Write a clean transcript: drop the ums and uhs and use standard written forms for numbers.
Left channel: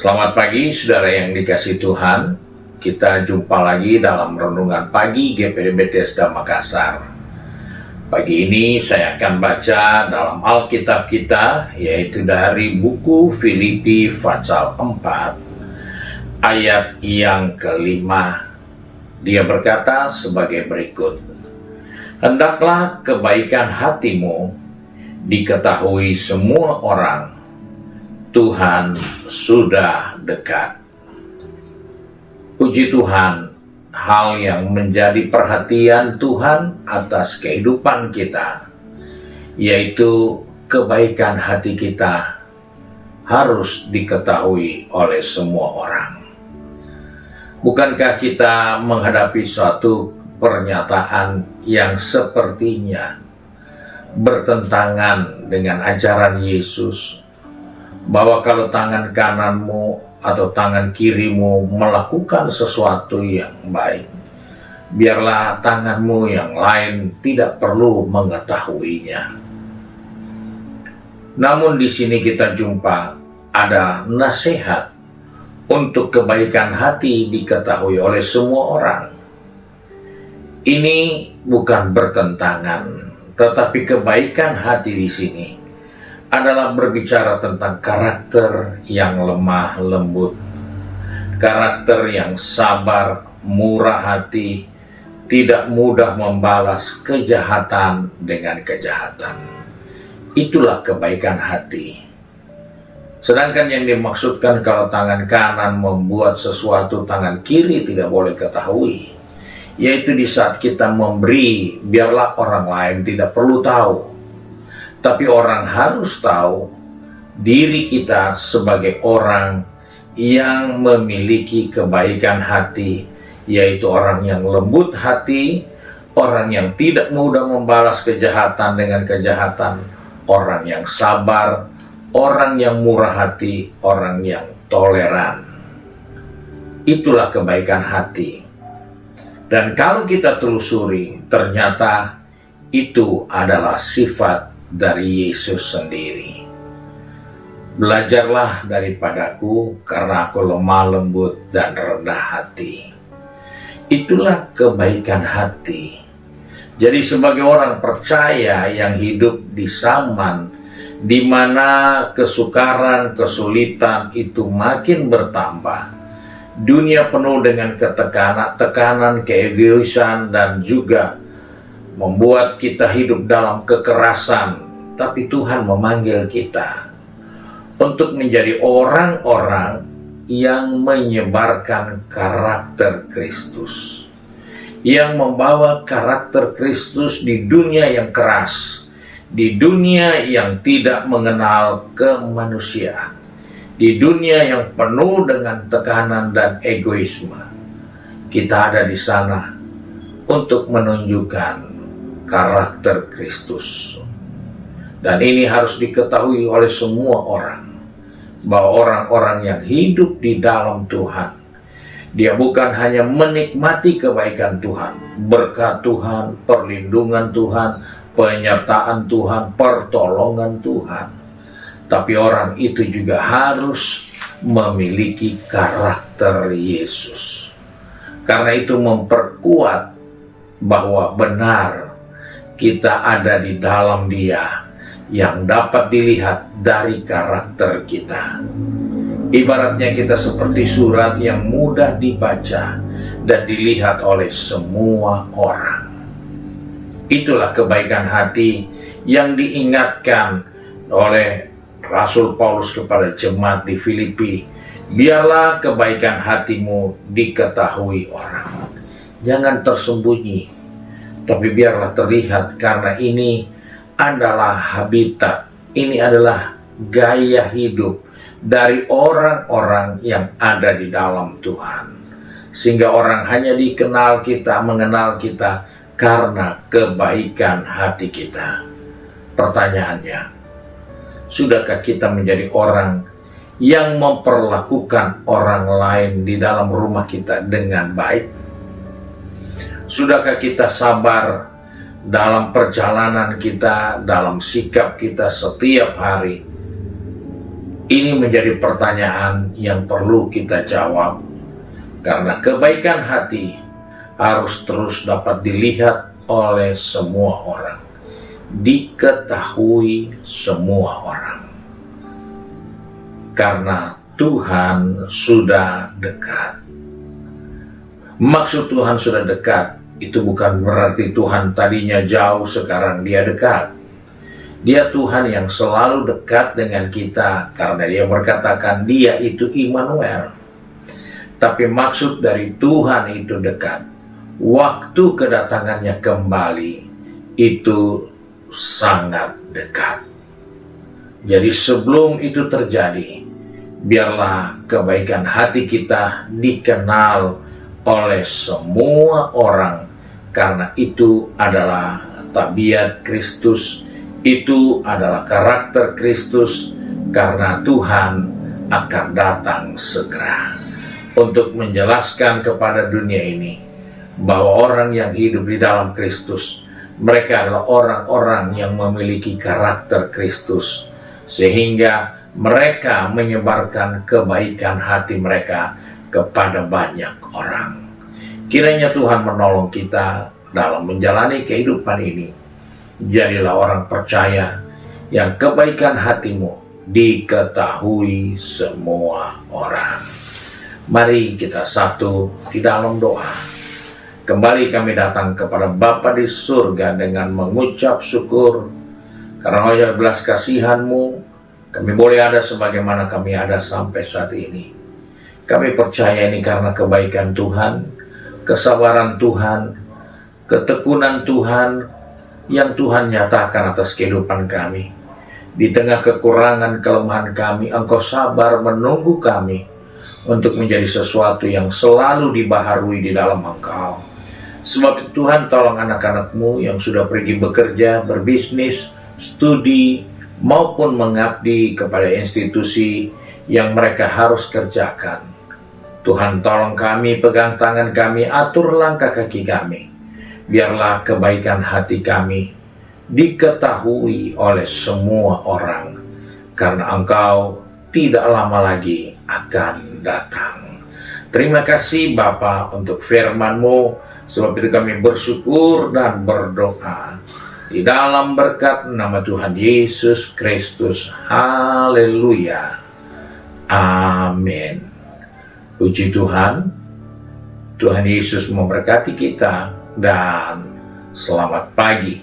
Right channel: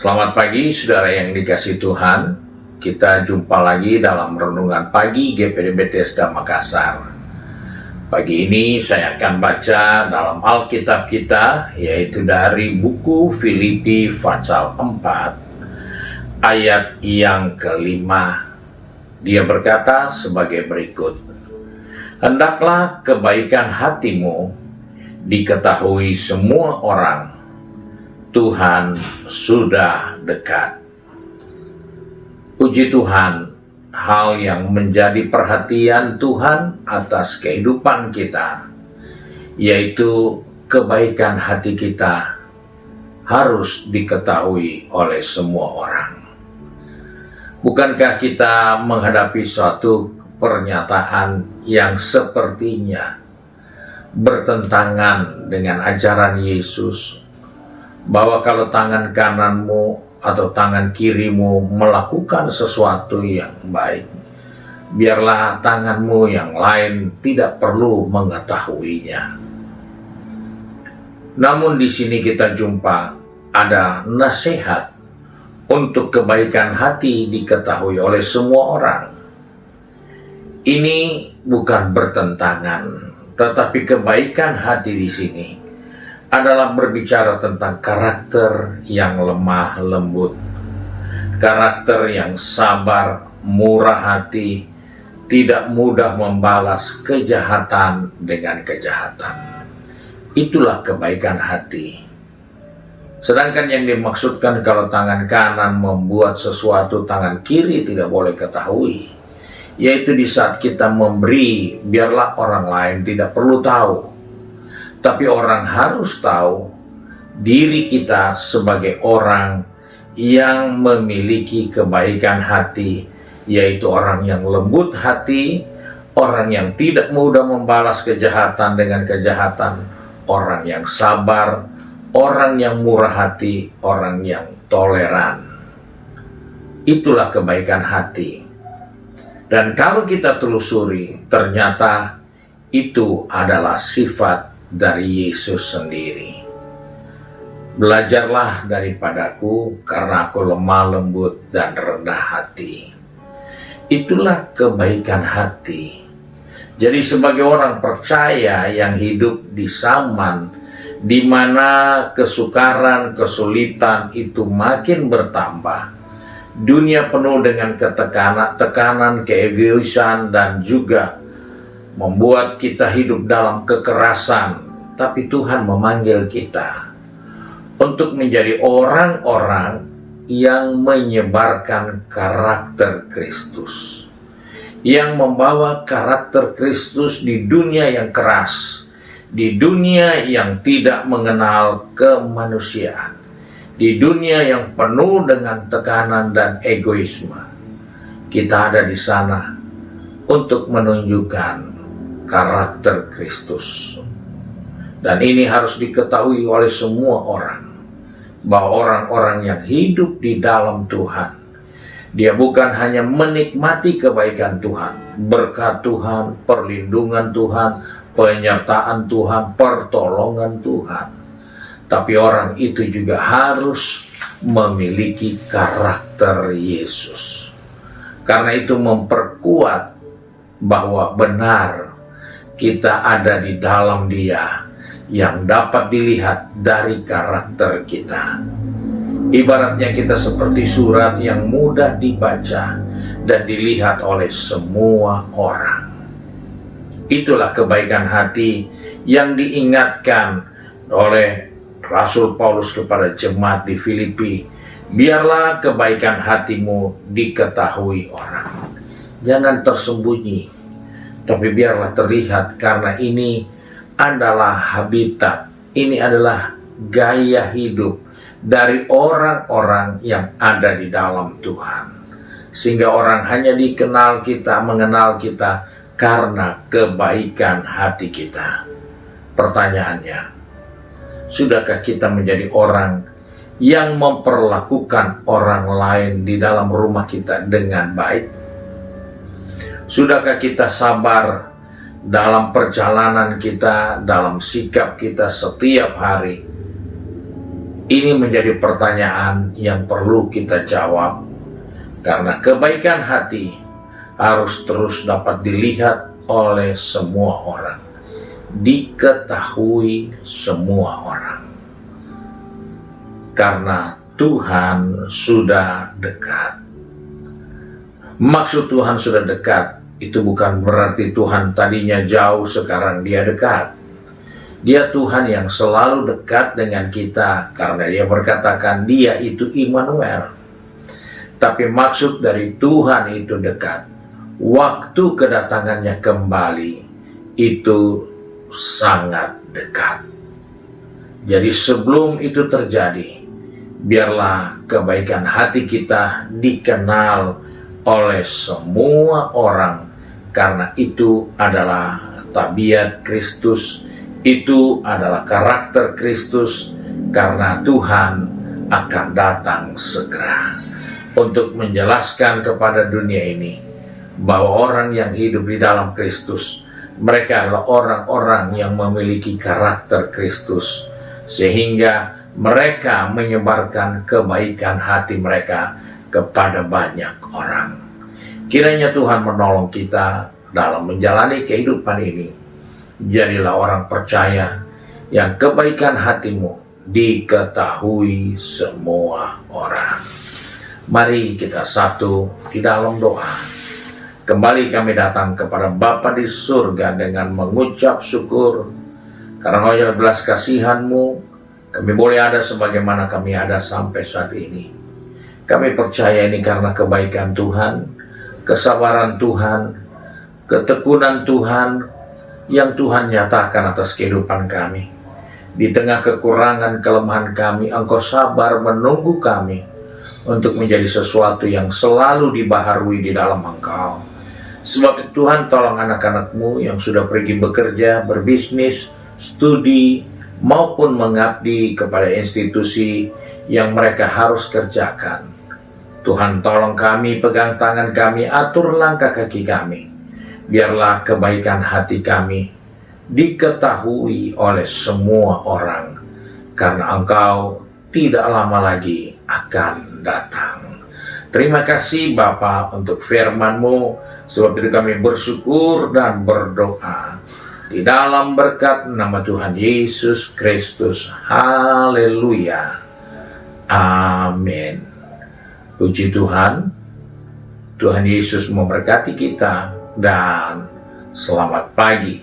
Selamat pagi saudara yang dikasihi Tuhan. Kita jumpa lagi dalam renungan pagi GPD Bethesda Makassar. Pagi ini saya akan baca dalam Alkitab kita, yaitu dari buku Filipi pasal 4 ayat yang kelima. Dia berkata sebagai berikut: "Hendaklah kebaikan hatimu diketahui semua orang, Tuhan sudah dekat." Puji Tuhan, hal yang menjadi perhatian Tuhan atas kehidupan kita, yaitu kebaikan hati kita harus diketahui oleh semua orang. Bukankah kita menghadapi suatu pernyataan yang sepertinya bertentangan dengan ajaran Yesus, bahwa kalau tangan kananmu atau tangan kirimu melakukan sesuatu yang baik, biarlah tanganmu yang lain tidak perlu mengetahuinya. Namun di sini kita jumpa ada nasihat untuk kebaikan hati diketahui oleh semua orang. Ini bukan bertentangan, tetapi kebaikan hati di sini adalah berbicara tentang karakter yang lemah lembut, karakter yang sabar, murah hati, tidak mudah membalas kejahatan dengan kejahatan. Itulah kebaikan hati. Sedangkan yang dimaksudkan kalau tangan kanan membuat sesuatu, tangan kiri tidak boleh ketahui, yaitu di saat kita memberi, biarlah orang lain tidak perlu tahu. Tapi orang harus tahu diri kita sebagai orang yang memiliki kebaikan hati, yaitu orang yang lembut hati, orang yang tidak mudah membalas kejahatan dengan kejahatan, orang yang sabar, orang yang murah hati, orang yang toleran. Itulah kebaikan hati. Dan kalau kita telusuri, ternyata itu adalah sifat dari Yesus sendiri. "Belajarlah daripadaku, karena aku lemah lembut dan rendah hati." Itulah kebaikan hati. Jadi sebagai orang percaya yang hidup di zaman di mana kesukaran, kesulitan itu makin bertambah, dunia penuh dengan tekanan, keegoisan, dan juga membuat kita hidup dalam kekerasan, tapi Tuhan memanggil kita untuk menjadi orang-orang yang menyebarkan karakter Kristus, yang membawa karakter Kristus di dunia yang keras, di dunia yang tidak mengenal kemanusiaan, di dunia yang penuh dengan tekanan dan egoisme. Kita ada di sana untuk menunjukkan karakter Kristus. Dan ini harus diketahui oleh semua orang, bahwa orang-orang yang hidup di dalam Tuhan, dia bukan hanya menikmati kebaikan Tuhan, berkat Tuhan, perlindungan Tuhan, penyertaan Tuhan, pertolongan Tuhan, tapi orang itu juga harus memiliki karakter Yesus. Karena itu memperkuat bahwa benar kita ada di dalam Dia, yang dapat dilihat dari karakter kita. Ibaratnya kita seperti surat yang mudah dibaca dan dilihat oleh semua orang. Itulah kebaikan hati yang diingatkan oleh Rasul Paulus kepada jemaat di Filipi. "Biarlah kebaikan hatimu diketahui orang." Jangan tersembunyi, tapi biarlah terlihat, karena ini adalah habitat, ini adalah gaya hidup dari orang-orang yang ada di dalam Tuhan. Sehingga orang hanya mengenal kita karena kebaikan hati kita. Pertanyaannya, sudahkah kita menjadi orang yang memperlakukan orang lain di dalam rumah kita dengan baik? Sudahkah kita sabar dalam perjalanan kita, dalam sikap kita setiap hari? Ini menjadi pertanyaan yang perlu kita jawab, karena kebaikan hati harus terus dapat dilihat oleh semua orang, diketahui semua orang. Karena Tuhan sudah dekat. Maksud Tuhan sudah dekat, itu bukan berarti Tuhan tadinya jauh, sekarang dia dekat. Dia Tuhan yang selalu dekat dengan kita, karena dia berkatakan dia itu Immanuel. Tapi maksud dari Tuhan itu dekat, waktu kedatangannya kembali itu sangat dekat. Jadi sebelum itu terjadi, biarlah kebaikan hati kita dikenal oleh semua orang, karena itu adalah tabiat Kristus, itu adalah karakter Kristus, karena Tuhan akan datang segera untuk menjelaskan kepada dunia ini bahwa orang yang hidup di dalam Kristus, mereka adalah orang-orang yang memiliki karakter Kristus, sehingga mereka menyebarkan kebaikan hati mereka kepada banyak orang. Kiranya Tuhan menolong kita dalam menjalani kehidupan ini. Jadilah orang percaya yang kebaikan hatimu diketahui semua orang. Mari kita satu di dalam doa. Kembali kami datang kepada Bapa di surga dengan mengucap syukur karena oleh belas kasihan-Mu kami boleh ada sebagaimana kami ada sampai saat ini. Kami percaya ini karena kebaikan Tuhan, kesabaran Tuhan, ketekunan Tuhan yang Tuhan nyatakan atas kehidupan kami. Di tengah kekurangan kelemahan kami, Engkau sabar menunggu kami untuk menjadi sesuatu yang selalu dibaharui di dalam Engkau. Sebab itu Tuhan, tolong anak-anak-Mu yang sudah pergi bekerja, berbisnis, studi, maupun mengabdi kepada institusi yang mereka harus kerjakan. Tuhan, tolong kami, pegang tangan kami, atur langkah kaki kami. Biarlah kebaikan hati kami diketahui oleh semua orang, karena Engkau tidak lama lagi akan datang. Terima kasih Bapa untuk firman-Mu, sebab itu kami bersyukur dan berdoa di dalam berkat nama Tuhan Yesus Kristus. Haleluya. Amin. Puji Tuhan. Tuhan Yesus memberkati kita dan selamat pagi.